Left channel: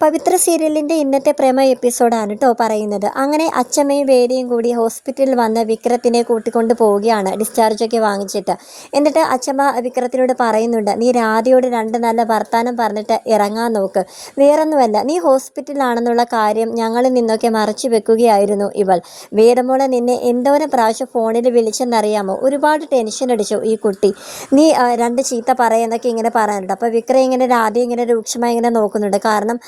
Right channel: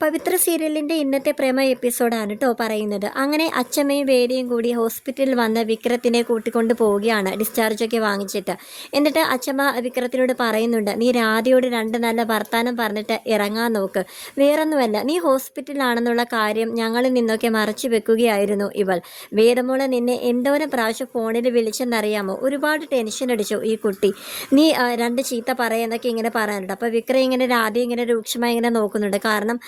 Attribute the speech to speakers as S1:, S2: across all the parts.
S1: പവിത്ര സീരിയലിന്റെ ഇന്നത്തെ പ്രേമ എപ്പിസോഡാണ് കേട്ടോ പറയുന്നത്. അങ്ങനെ അച്ഛമ്മയും വേദിയും കൂടി ഹോസ്പിറ്റലിൽ വന്ന് വിക്രത്തിനെ കൂട്ടിക്കൊണ്ട് പോവുകയാണ് ഡിസ്ചാർജൊക്കെ വാങ്ങിച്ചിട്ട്. എന്നിട്ട് അച്ഛമ്മ വിക്രത്തിനോട് പറയുന്നുണ്ട് നീ രാധയോട് രണ്ട് നല്ല വർത്താനം പറഞ്ഞിട്ട് ഇറങ്ങാൻ നോക്ക്. വേറൊന്നുമല്ല നീ ഹോസ്പിറ്റലാണെന്നുള്ള കാര്യം ഞങ്ങളിൽ നിന്നൊക്കെ മറച്ചു വെക്കുകയായിരുന്നു ഇവൾ. വേദമോളെ നിന്നെ എന്തോരം പ്രാവശ്യം ഫോണിൽ വിളിച്ചെന്നറിയാമോ? ഒരുപാട് ടെൻഷൻ അടിച്ചു ഈ കുട്ടി. നീ രണ്ട് ചീത്ത പറയുന്നൊക്കെ ഇങ്ങനെ പറയാനുണ്ട്. അപ്പോൾ വിക്രം ഇങ്ങനെ രാധ ഇങ്ങനെ രൂക്ഷമായി ഇങ്ങനെ നോക്കുന്നുണ്ട്. കാരണം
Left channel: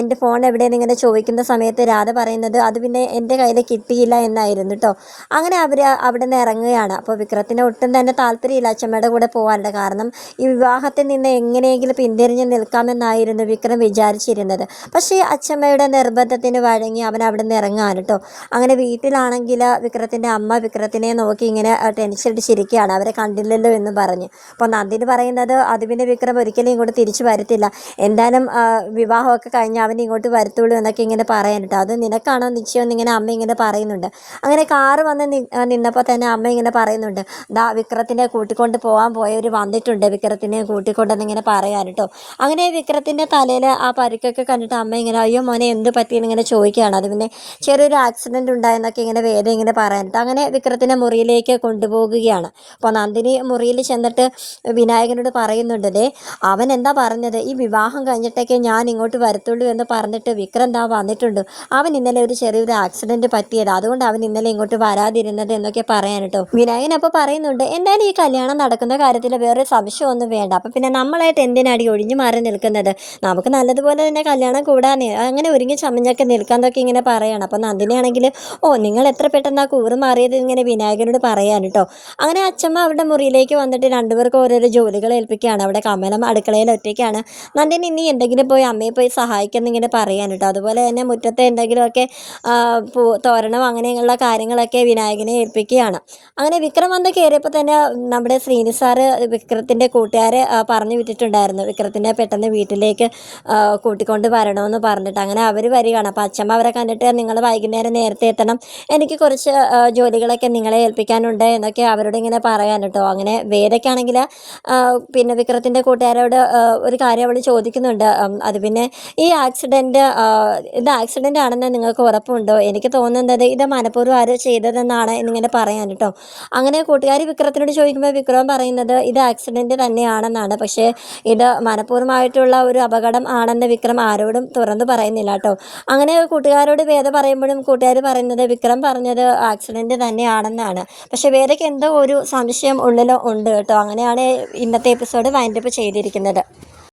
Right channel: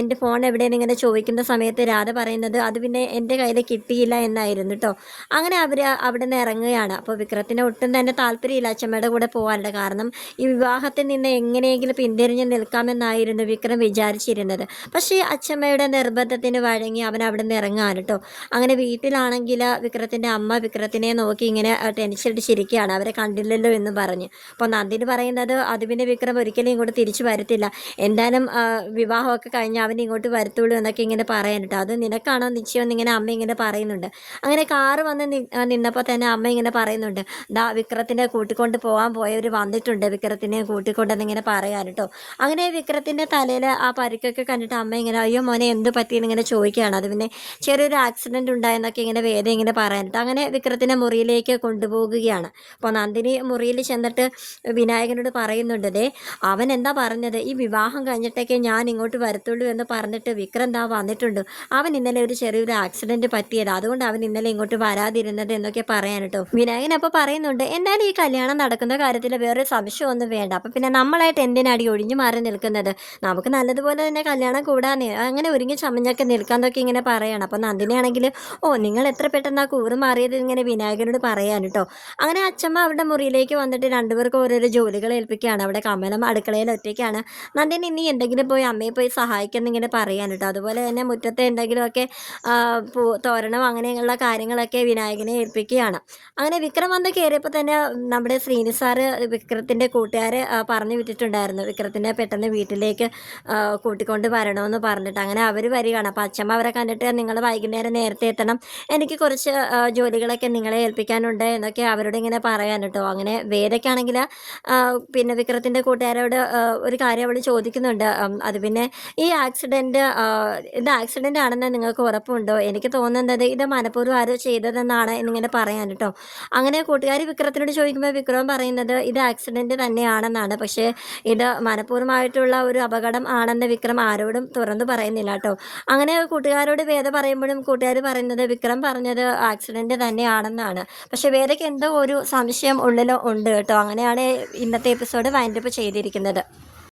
S1: എന്റെ ഫോൺ എവിടെയെന്ന് ഇങ്ങനെ ചോദിക്കുന്ന സമയത്ത് രാധ പറയുന്നത് അത് പിന്നെ എന്റെ കയ്യിൽ കിട്ടിയില്ല എന്നായിരുന്നു കേട്ടോ അങ്ങനെ അവർ അവിടെ നിന്ന് ഇറങ്ങുകയാണ്. അപ്പോൾ വിക്രത്തിന് ഒട്ടും തന്നെ താല്പര്യമില്ല അച്ഛമ്മയുടെ കൂടെ പോകാനുള്ള കാരണം ഈ വിവാഹത്തിൽ നിന്ന് എങ്ങനെയെങ്കിലും പിന്തിരിഞ്ഞ് നിൽക്കാമെന്നായിരുന്നു വിക്രം വിചാരിച്ചിരുന്നത്. പക്ഷേ അച്ഛമ്മയുടെ നിർബന്ധത്തിന് വഴങ്ങി അവൻ അവിടെ നിന്ന് ഇറങ്ങാൻ കേട്ടോ അങ്ങനെ വീട്ടിലാണെങ്കിൽ വിക്രത്തിന്റെ അമ്മ വിക്രത്തിനെ നോക്കി ഇങ്ങനെ ടെൻഷടിച്ചിരിക്കുകയാണ് അവരെ കണ്ടില്ലല്ലോ എന്ന് പറഞ്ഞ്. അപ്പോൾ നന്ദിന് പറയുന്നത് അത് പിന്നെ വിക്രം ഒരിക്കലും ഇങ്ങോട്ട് തിരിച്ചു വരത്തില്ല. എന്തായാലും വിവാഹമൊക്കെ കഴിഞ്ഞ് അവൻ ഇങ്ങോട്ട് വരത്തുള്ളൂ എന്നൊക്കെ ഇങ്ങനെ പറയാൻ കേട്ടോ അത് നിനക്കാണോ നിശ്ചയം എന്നിങ്ങനെ അമ്മ ഇങ്ങനെ പറയുന്നുണ്ട്. അങ്ങനെ കാറ് വന്ന് നിന്നപ്പോൾ തന്നെ അമ്മ ഇങ്ങനെ പറയുന്നുണ്ട്. ദാ വിക്രത്തിനെ കൂട്ടിക്കൊണ്ട് പോകാൻ പോയവർ വന്നിട്ടുണ്ട്. വിക്രത്തിനെ കൂട്ടിക്കൊണ്ടെന്നിങ്ങനെ പറയാൻ കേട്ടോ അങ്ങനെ വിക്രത്തിന്റെ തലയിൽ ആ പരിക്കൊക്കെ കണ്ടിട്ട് അമ്മ ഇങ്ങനെ അയ്യോ മോനെ എന്ത് പറ്റിയെന്ന് ഇങ്ങനെ ചോദിക്കുകയാണ്. അത് പിന്നെ ചെറിയൊരു ആക്സിഡന്റ് ഉണ്ടായെന്നൊക്കെ ഇങ്ങനെ വേദ ഇങ്ങനെ പറയാനിട്ട് അങ്ങനെ വിക്രത്തിനെ മുറിയിലേക്ക് കൊണ്ടുപോകുകയാണ്. അപ്പോൾ നന്ദിനി മുറിയിൽ ചെന്നിട്ട് വിനായകനോട് പറയുന്നുണ്ടല്ലേ അവൻ എന്താ പറഞ്ഞത്? ഈ വിവാഹം കഴിഞ്ഞിട്ടൊക്കെ ഞാൻ ഇങ്ങോട്ട് വരത്തുള്ളൂ വരത്തുള്ളൂ എന്ന് പറഞ്ഞിട്ട് വിക്രം വന്നിട്ടുണ്ട്. അവൻ ഇന്നലെ ഒരു ചെറിയൊരു ആക്സിഡന്റ് പറ്റിയത്. അതുകൊണ്ട് അവൻ ഇന്നലെ ഇങ്ങോട്ട് വരാതിരുന്നത് എന്നൊക്കെ പറയാൻ കേട്ടോ. വിനായകൻ അപ്പോൾ പറയുന്നുണ്ട് എന്തായാലും ഈ കല്യാണം നടക്കുന്ന കാര്യത്തിൽ വേറെ സംശയമൊന്നും വേണ്ട. അപ്പം പിന്നെ നമ്മളായിട്ട് എന്തിനാടി ഒഴിഞ്ഞു മാറി നിൽക്കുന്നത്? നമുക്ക് നല്ലതുപോലെ തന്നെ കല്യാണം കൂടാൻ അങ്ങനെ ഒരുങ്ങി ചമഞ്ഞൊക്കെ നിൽക്കാന്നൊക്കെ ഇങ്ങനെ പറയണം. അപ്പം നന്ദിനിയാണെങ്കിൽ ഓ നിങ്ങൾ എത്ര പെട്ടെന്ന് ആ കൂറ് മാറിയത്? ഇങ്ങനെ വിനായകനോട് പറയാൻ കേട്ടോ. അങ്ങനെ അച്ഛമ്മ അവരുടെ മുറിയിലേക്ക് വന്നിട്ട് രണ്ടുപേർക്ക് ഓരോരോ ജോലികൾ ഏൽപ്പിക്കുകയാണ്. അവിടെ കമലം അടുക്കളയിൽ ഒറ്റയ്ക്കാണ്. നന്ദിനി ഇനി എന്തെങ്കിലും പോയി അമ്മയെ പോയി സഹായിക്കും സഹായിക്കുന്നിങ്ങനെ പറയാൻ കേട്ടോ. അതുപോലെ തന്നെ മുറ്റത്തെ എന്തെങ്കിലുമൊക്കെ തോരണം അങ്ങനെയുള്ള കാര്യങ്ങളൊക്കെ വിനായകനെ ഏൽപ്പിക്കുകയാണ്. അങ്ങനെ വിക്രം വന്ന് കയറിയപ്പോൾ തന്നെ നമ്മുടെ ശ്രീനി സാറ് വിക്രത്തിന്റെ കൂട്ടുകാരെ പറഞ്ഞു വിട്ടിട്ടുണ്ടായിരുന്നു. വിക്രത്തിന്റെ പെട്ടെന്ന് വീട്ടിലേക്ക് കൂട്ടിക്കൊണ്ട് വരണമെന്ന് പറഞ്ഞിട്ട്. അങ്ങനെ അവർ വരികയാണ്. അപ്പോൾ അച്ഛമ്മ അവരെ കണ്ടിട്ട് നിങ്ങൾ വൈകുന്നേരം നേരത്തെ എത്തണം. എനിക്ക് കുറച്ച് ജോലികളൊക്കെ നിങ്ങളെ ഏൽപ്പിക്കാനുണ്ട് എന്നൊക്കെ അവരോട് ഇങ്ങനെ പറയാൻ കേട്ടോ. അങ്ങനെ വേദയ്ക്കാണെങ്കിൽ പിന്നെ വിക്രത്തിന്റെ കൂട്ടുകാരോട് ഒരു കാര്യം അവൾ ചോദിക്കുന്നുണ്ട്. അത് പിന്നെ ഈ ആക്സിഡന്റ് ഇത് ആക്സിഡന്റ് ആണെന്ന് നിങ്ങൾക്ക് ഉറപ്പുണ്ടോ? എനിക്ക് തോന്നുന്നത് ഇത് മനഃപൂർവം ആരോ ചെയ്തതെന്നാണ് എന്നിങ്ങനെ പറയാൻ കേട്ടോ. അങ്ങനെ കൂട്ടുകാരി വിക്രത്തിനോട് ചോദിക്കുമ്പോൾ വിക്രം പറയുന്നത് ഇത് ആക്സിഡന്റ് തന്നെയാണെന്നാണ്. പക്ഷേ ഇത് മനഃപൂർവമായിട്ടുള്ള ഒരു അപകടം ആണെന്ന് വിക്രം ആരോടും തുറന്നു പറയുന്നില്ല കേട്ടോ. അങ്ങനെ കൂട്ടുകാരോട് വേദ പറയുമ്പോഴും കൂട്ടുകാർ പറയുന്നത് വിക്രം പറഞ്ഞത് ആക്സിഡന്റ് തന്നെയാണെന്നാണ്. പക്ഷേ വേദയ്ക്ക് എന്തോ ഒരു സംശയം ഉള്ളിലോ ഉണ്ട് കേട്ടോ. അങ്ങനെയാണ് ഇന്നത്തെ എപ്പിസോഡ് വൈൻഡപ്പ് ചെയ്തിരിക്കുന്നത്.